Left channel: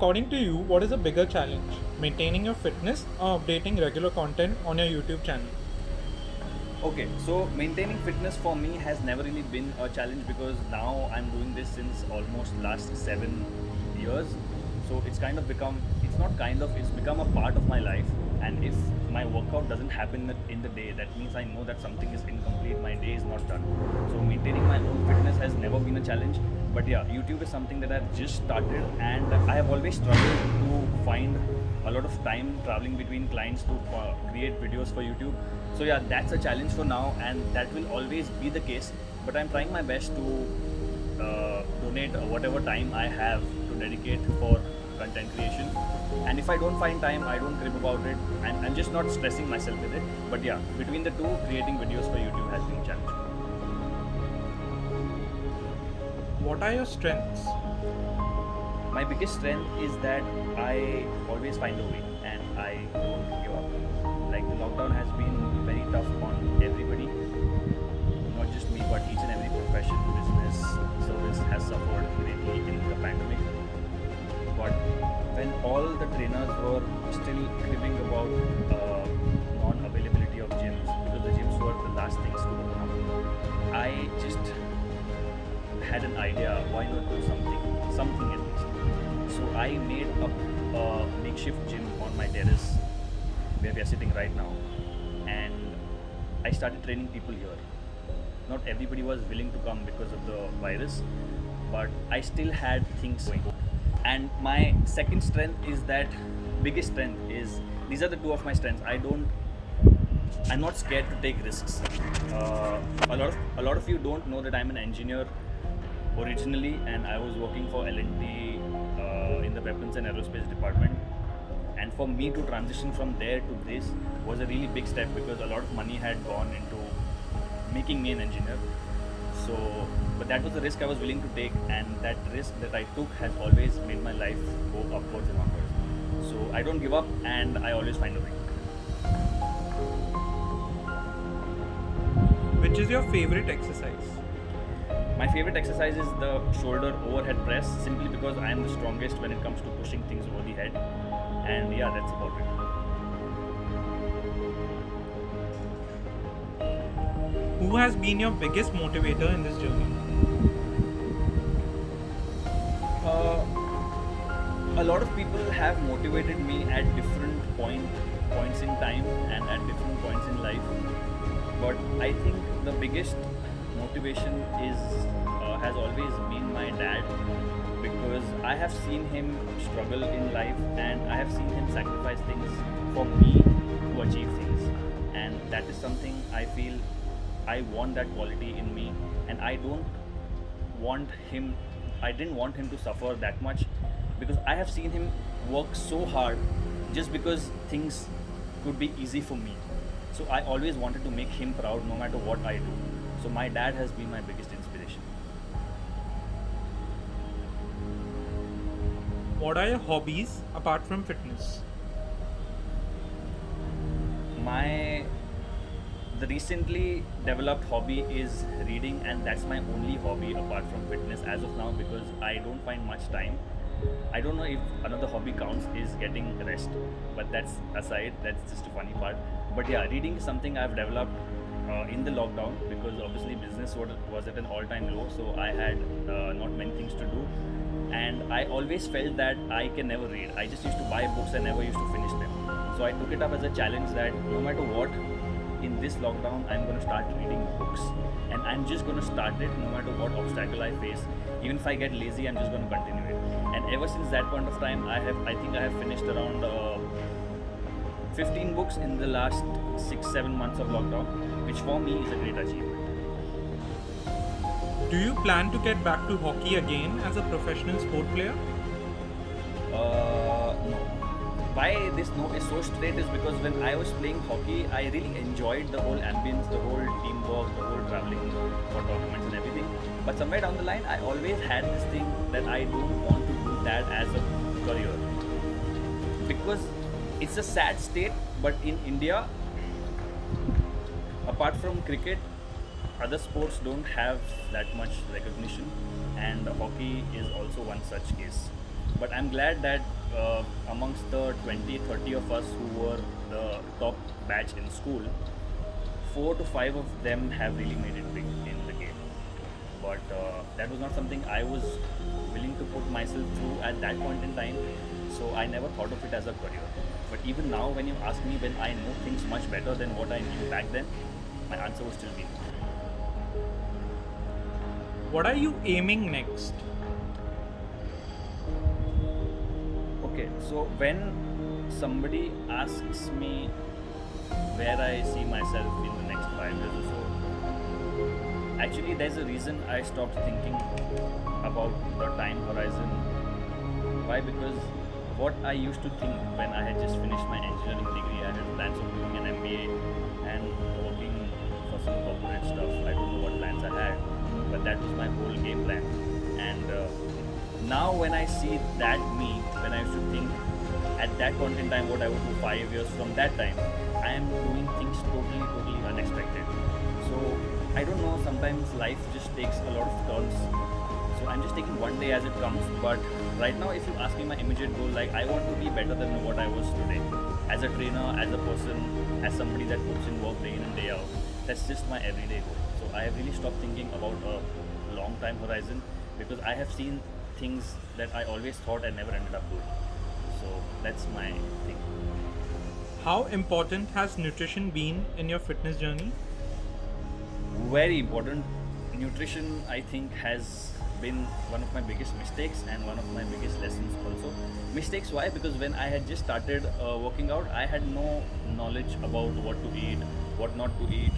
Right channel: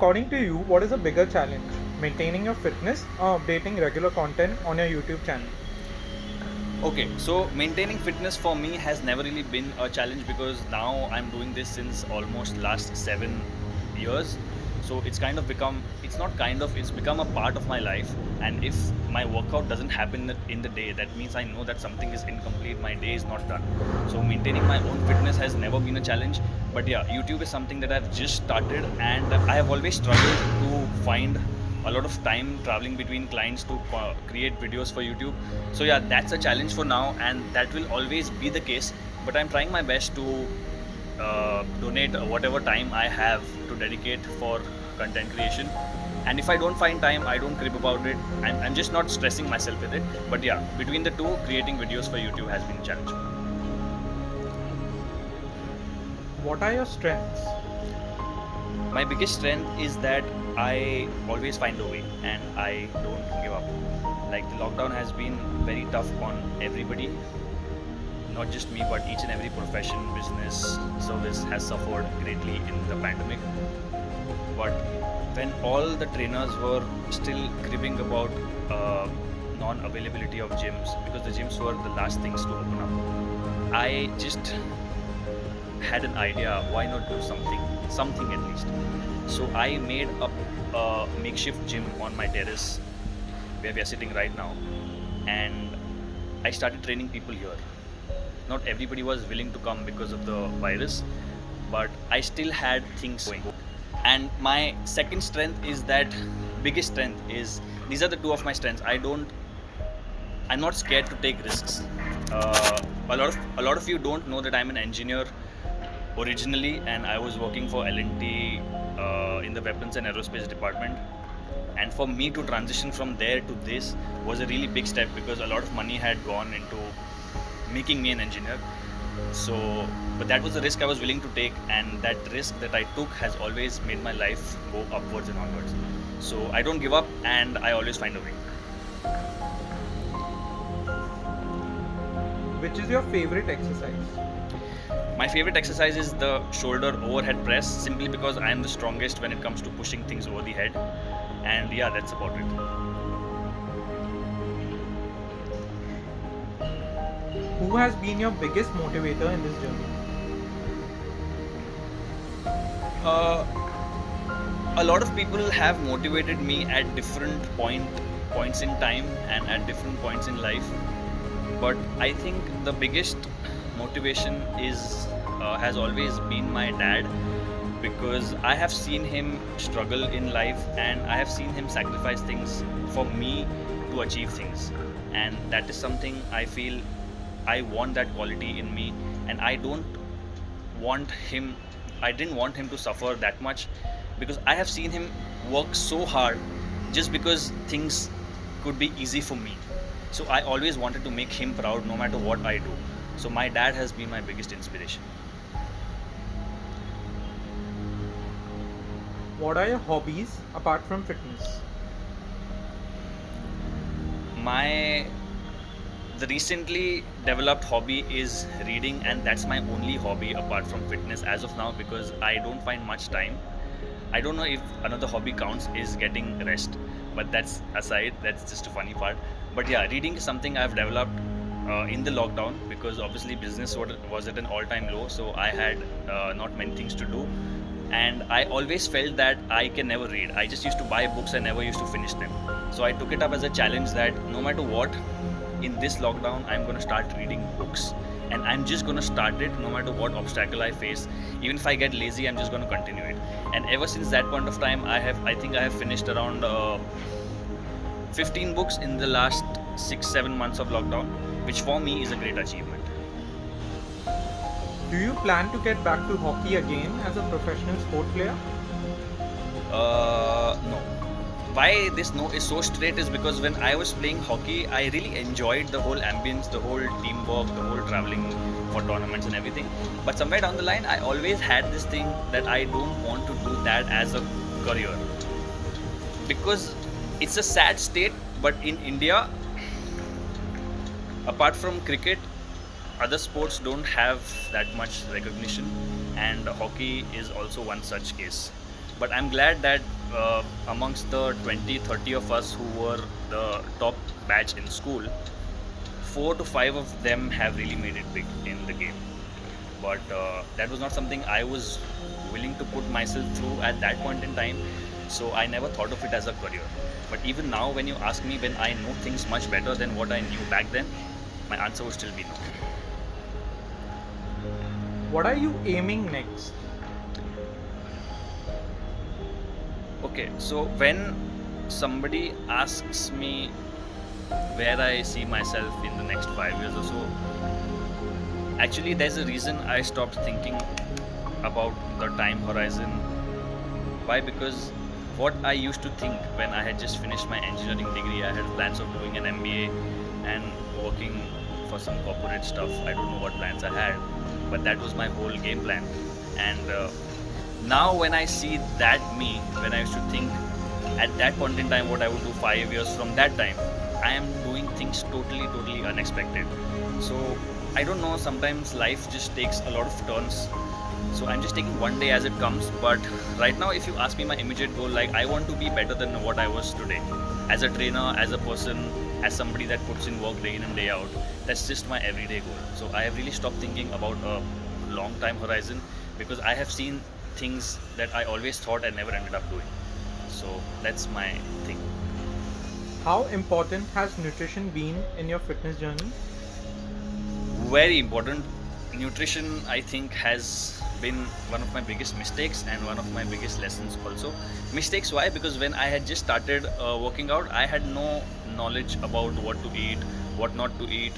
According to you, what is a bigger challenge? Maintaining your fitness or updating regular content on your YouTube channel? Okay, so maintaining fitness for me has never really been a challenge because now I'm doing this since almost last 7 years. So it's not kind of, it's become a part of my life. And if my workout doesn't happen in the day, that means I know that something is incomplete, my day is not done. So maintaining my own fitness has never been a challenge. But yeah, YouTube is something that I've just started, and I have always struggled to find a lot of time traveling between clients to create videos for YouTube. So yeah, that's a challenge for now, and that will always be the case. But I'm trying my best to donate whatever time I have to dedicate for content creation. And if I don't find time, I don't crib about it. I'm just not stressing myself with it. But yeah, between the two, creating videos for YouTube has been a challenge. What are your strengths? My biggest strength is that I always find a way and I don't give up. Like, the lockdown has been very tough on everybody, not just me, but each and every profession, business, service has suffered greatly in the pandemic. But when all the trainers were still cribbing about non-availability of gyms, because the gyms were the last things to open up, I just had an idea, why not do something at least. So I made a makeshift gym on my terrace where we are sitting right now, and I started training people here. Not everybody was willing to come because of the virus, but I still had things going. And my second strength is that, biggest strength is, these are the two of my strengths. I'm not scared to take risks. A lot of you don't know that I'm an engineer originally, and I was working for L&T in the weapons and aerospace department. And for me to transition from there to this was a really big step because a lot of money had gone into making me an engineer. So, but that was the risk I was willing to take, and that risk that I took has always made my life go upwards and onwards. So I don't give up, and I always find a way. Which is your favorite exercise? My favorite exercise is the shoulder overhead press, simply because I am the strongest when it comes to pushing things over the head. And yeah, that's about it. Who has been your biggest motivator in this journey? Uh, a lot of people have motivated me at different points in time and at different points in life. But I think the biggest motivation is has always been my dad, because I have seen him struggle in life and I have seen him sacrifice things for me to achieve things. And that is something I feel I want that quality in me, and want him I didn't want him to suffer that much, because I have seen him work so hard just because things could be easy for me. So I always wanted to make him proud no matter what I do. So my dad has been my biggest inspiration. What are your hobbies apart from fitness? My The recently developed hobby is reading, and that's my only hobby apart from fitness as of now, because I don't find much time. I don't know if another hobby counts is getting rest, but that's aside, that's just a funny part. But yeah, reading is something I've developed in the lockdown, because obviously business was at an all-time low, so I had not many things to do, and I always felt that I can never read. I just used to buy books and never used to finish them. So I took it up as a challenge that no matter what, in this lockdown, I'm going to start reading books. And I'm just going to start it no matter what obstacle I face. Even if I get lazy, I'm just going to continue it. And ever since that point of time, I think I have finished around 15 books in the last 6-7 months of lockdown, which for me is a great achievement. Do you plan to get back to hockey again as a professional sport player? No. Why this no is so straight is because when I was playing hockey, I really enjoyed the whole ambience, the whole teamwork, the whole traveling for tournaments and everything. But somewhere down the line, I always had this thing that I don't want to do that as a career, because it's a sad state. But in India, apart from cricket, other sports don't have that much recognition, and hockey is also one such case. But I'm glad that amongst the 20, 30 of us who were the top batch in school, 4 to 5 of them have really made it big in the game. But that was not something I was willing to put myself through at that point in time. So I never thought of it as a career. But even now, when you ask me when I know things much better than what I knew back then, my answer would still be no. What are you aiming next? Okay, so when somebody asks me where I see myself in the next 5 years or so, actually, there's a reason I stopped thinking about the time horizon. Why? Because what I used to think when I had just finished my engineering degree, I had plans of doing an MBA and working for some corporate stuff. I don't know what plans I had, but that was my whole game plan. And now, when I see that me, when I used to think at that point in time what I would do 5 years from that time, I am doing things totally, totally unexpected. So I don't know, sometimes life just takes a lot of turns. So I'm just taking one day as it comes. But right now, if you ask me my immediate goal, like I want to be better than what I was today. As a trainer, as a person, as somebody that puts in work day in and day out. That's just my everyday goal. So I have really stopped thinking about a long time horizon because I have seen things that I always thought I never ended up doing. So that's my thing. How important has nutrition been in your fitness journey? Very important. Nutrition, I think, has been one of my biggest mistakes and one of my biggest lessons also. Mistakes, why? Because when I had just started working out, I had no knowledge about what to eat, what not to eat.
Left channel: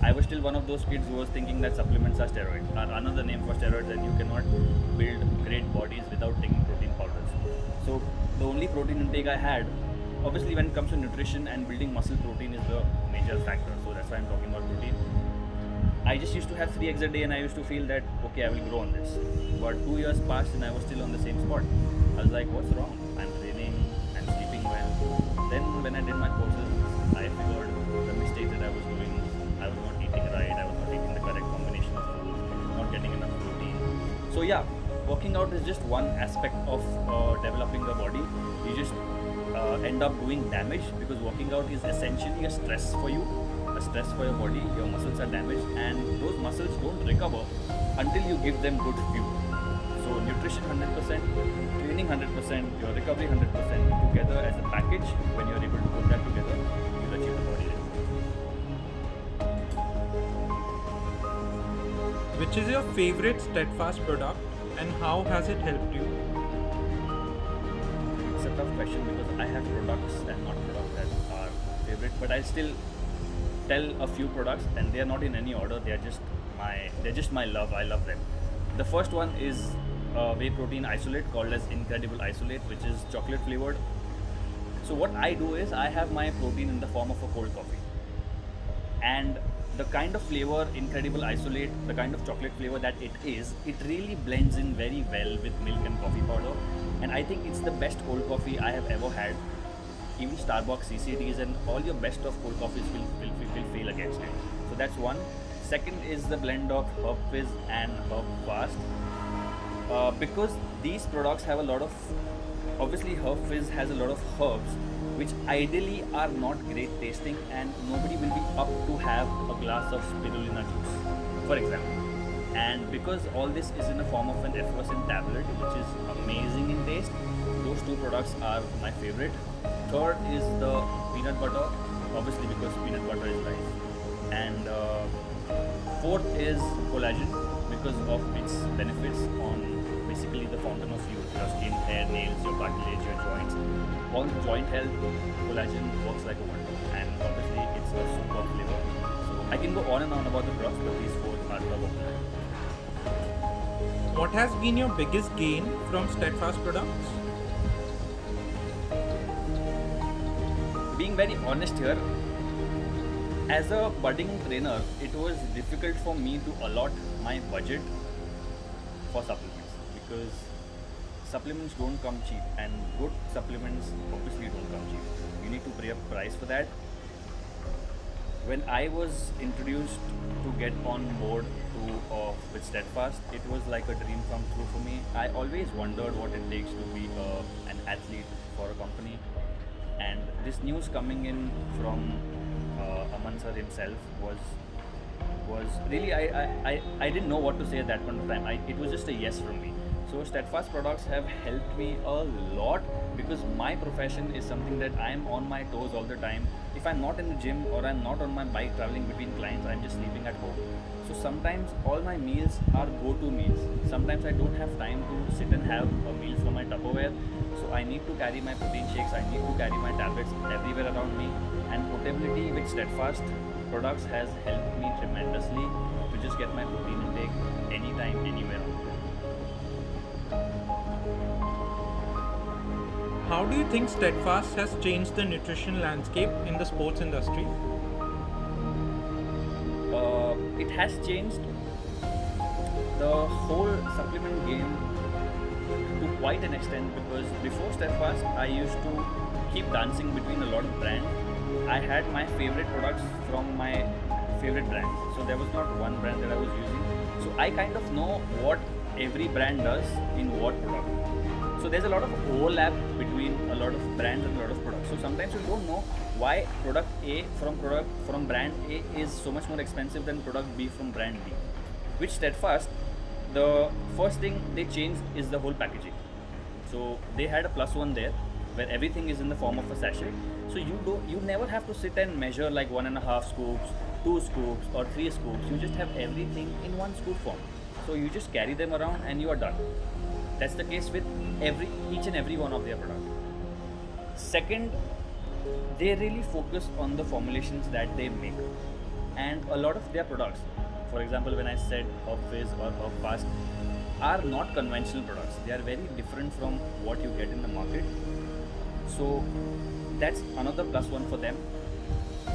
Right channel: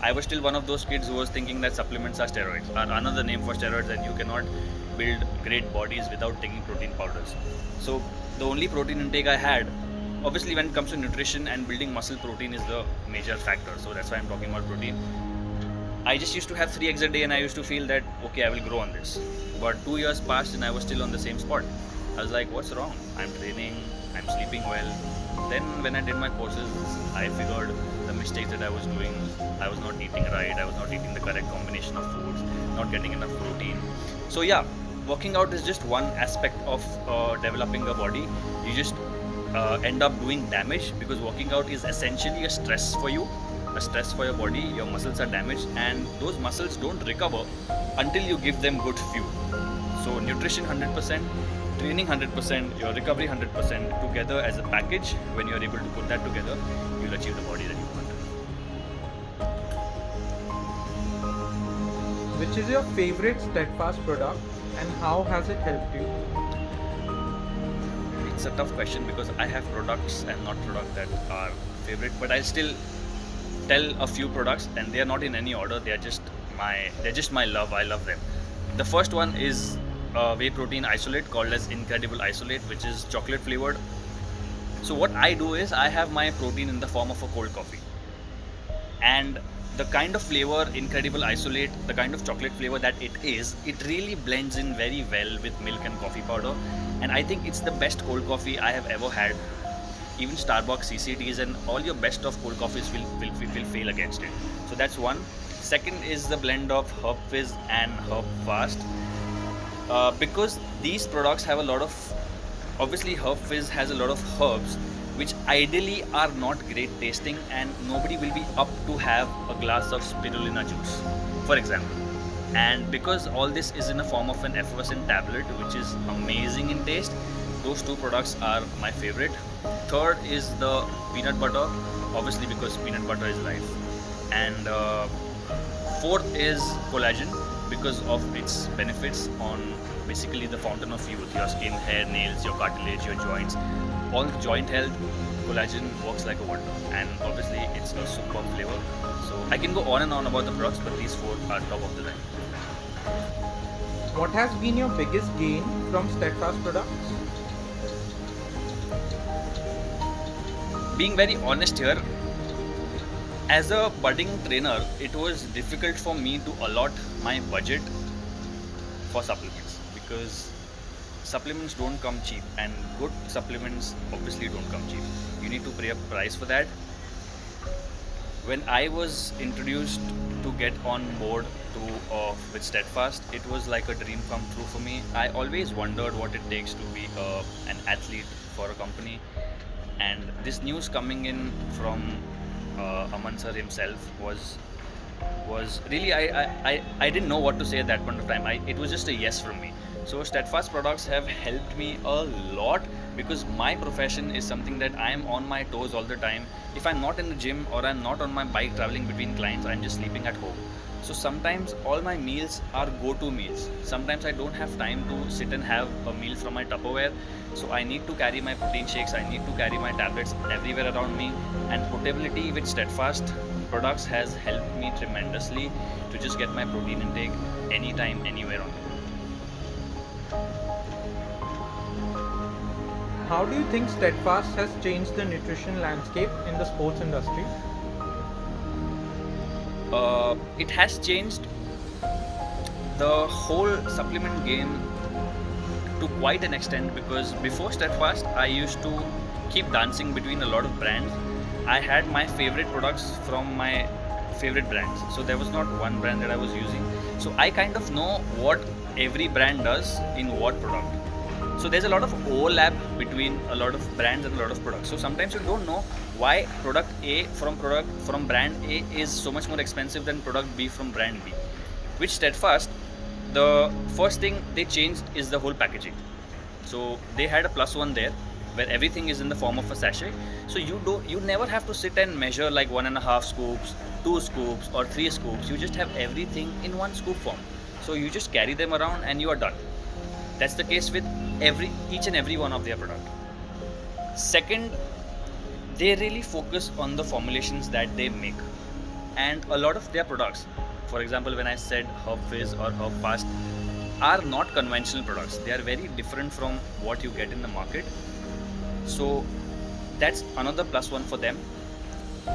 I was still one of those kids who was thinking that supplements are steroids, are another name for steroids, and you cannot build great bodies without taking protein powders. So the only protein intake I had, obviously when it comes to nutrition and building muscle, protein is the major factor. So that's why I'm talking about protein. I just used to have 3 eggs a day and I used to feel that, okay, I will grow on this. But 2 years passed and I was still on the same spot. I was like, what's wrong? I'm training, I'm sleeping well. Then when I did my courses, I figured the mistakes that I was doing. I was not eating right, I was not eating the correct combination of foods, not getting enough protein. So yeah, working out is just one aspect of developing a body. You just end up doing damage because working out is essentially a stress for you, a stress for your body. Your muscles are damaged and those muscles don't recover until you give them good fuel. So nutrition 100%, training 100%, your recovery 100% together as a package. When you're able to put that together, you'll achieve the body that you want. Which is your favorite Steadfast product and how has it helped you? It's a tough question because I have products and not products that are favorite, but I'll still tell a few products and they are not in any order. They're just my love. I love them. The first one is whey protein isolate called as Incredible Isolate, which is chocolate flavored. So what I do is I have my protein in the form of a cold coffee, and the kind of flavor Incredible Isolate, the kind of chocolate flavor that it is, it really blends in very well with milk and coffee powder, and I think it's the best cold coffee I have ever had. Even Starbucks, CCTs, and all your best of cold coffees will fail against it. So that's one. Second is the blend of Herb Fizz and Herb Fast. Because these products have a lot of, obviously Herb Fizz has a lot of herbs which ideally are not great tasting and nobody will be up to have a glass of spirulina juice, for example. And because all this is in a form of an effervescent tablet which is amazing in taste, those two products are my favorite. Third is the peanut butter, obviously because peanut butter is life. And fourth is collagen because of its benefits on basically the fountain of youth, your skin, hair, nails, your cartilage, your joints. On joint health, collagen works like a wonder, and obviously it's a superb flavor. So I can go on and on about the products, but these four are top of the line. What has been your biggest gain from Steadfast products? Being very honest here, as a budding trainer, it was difficult for me to allot my budget for supplements because supplements don't come cheap, and good supplements obviously don't come cheap. You need to pay a price for that. when I was introduced to get on board with Steadfast, it was like a dream come true for me. I always wondered what it takes to be an athlete for a company, and this news coming in from Aman sir himself was really I didn't know what to say at that point of time. It was just a yes from me. So Steadfast products have helped me a lot because my profession is something that I am on my toes all the time. If I'm not in the gym or I'm not on my bike traveling between clients, I'm just sleeping at home. So sometimes all my meals are go-to meals. Sometimes I don't have time to sit and have a meal from my Tupperware. So I need to carry my protein shakes, I need to carry my tablets everywhere around me. And portability with Steadfast products has helped me tremendously to just get my protein intake anytime, anywhere on the go. How do you think Steadfast has changed the nutrition landscape in the sports industry? It has changed the whole supplement game to quite an extent because before Steadfast, I used to keep dancing between a lot of brands. I had my favorite products from my favorite brands. So there was not one brand that I was using. So I kind of know what every brand does in what product. So there's a lot of overlap between a lot of brands and a lot of products. So sometimes you don't know why product A from brand A is so much more expensive than product B from brand B. With Steadfast, the first thing they changed is the whole packaging. So they had a +1 there where everything is in the form of a sachet. So you never have to sit and measure like 1.5 scoops, 2 scoops or 3 scoops. You just have everything in one scoop form. So you just carry them around and you are done. That's the case with each and every one of their product. Second, they really focus on the formulations that they make, and a lot of their products, for example, when I said Herb Fizz or Herb Fast, are not conventional products. They are very different from what you get in the market. So that's another +1 for them.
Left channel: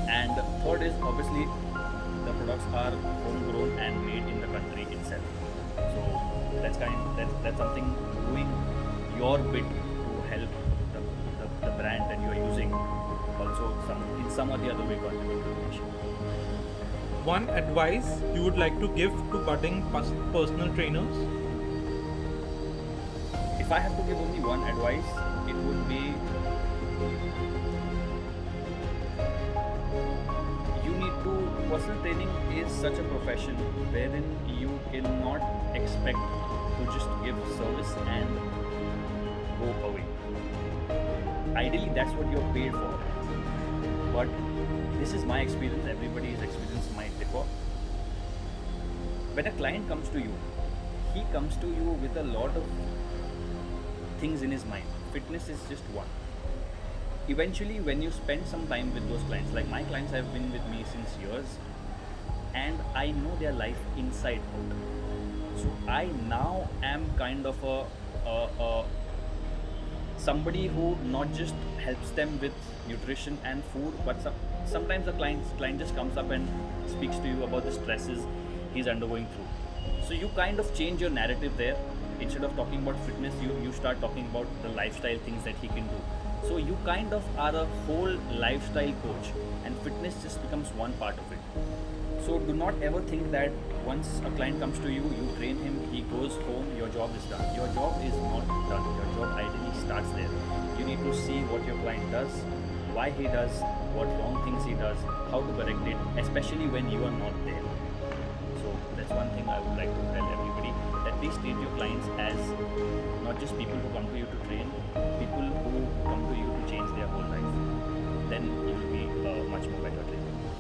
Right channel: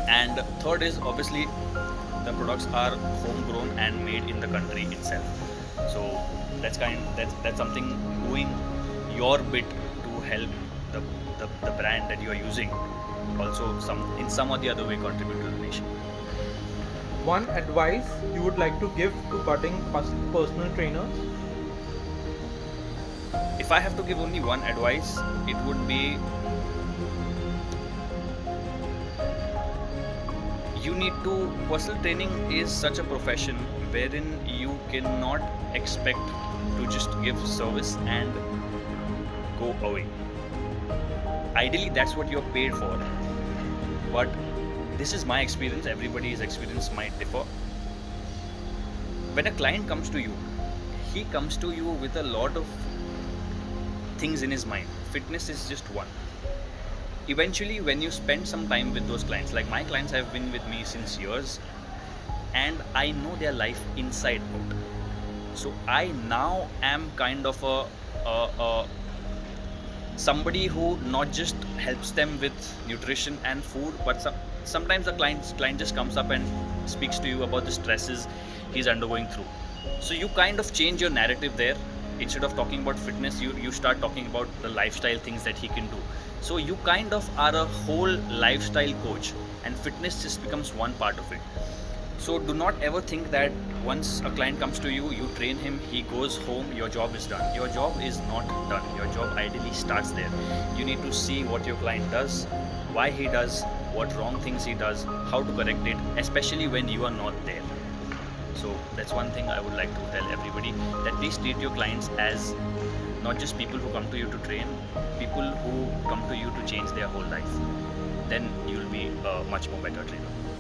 And third is obviously the products are homegrown and made in the country itself. So that's something doing your bit to help the brand that you are using also in some or the other way contribute to the nation. One advice you would like to give to budding personal trainers? If I have to give only one advice, it would be personal training is such a profession wherein you cannot expect to just give service and go away. Ideally, that's what you're paid for. But this is my experience, everybody's experience might differ. When a client comes to you, he comes to you with a lot of things in his mind. Fitness is just one. Eventually, when you spend some time with those clients, like my clients have been with me since years, and I know their life inside out. So I now am kind of a somebody who not just helps them with nutrition and food, but sometimes the client just comes up and speaks to you about the stresses he's undergoing through. So you kind of change your narrative there. Instead of talking about fitness, you start talking about the lifestyle things that he can do. So you kind of are a whole lifestyle coach, and fitness just becomes one part of it. So do not ever think that once a client comes to you, you train him, he goes home, your job is done. Your job is not done. Your job ideally starts there. You need to see what your client does, why he does, what wrong things he does, how to correct it, especially when you are not there. So that's one thing I would like to tell everybody, that please treat your clients as not just people who come to you to train, people who come to you to change their whole life. Then you'll be a much more better trainer.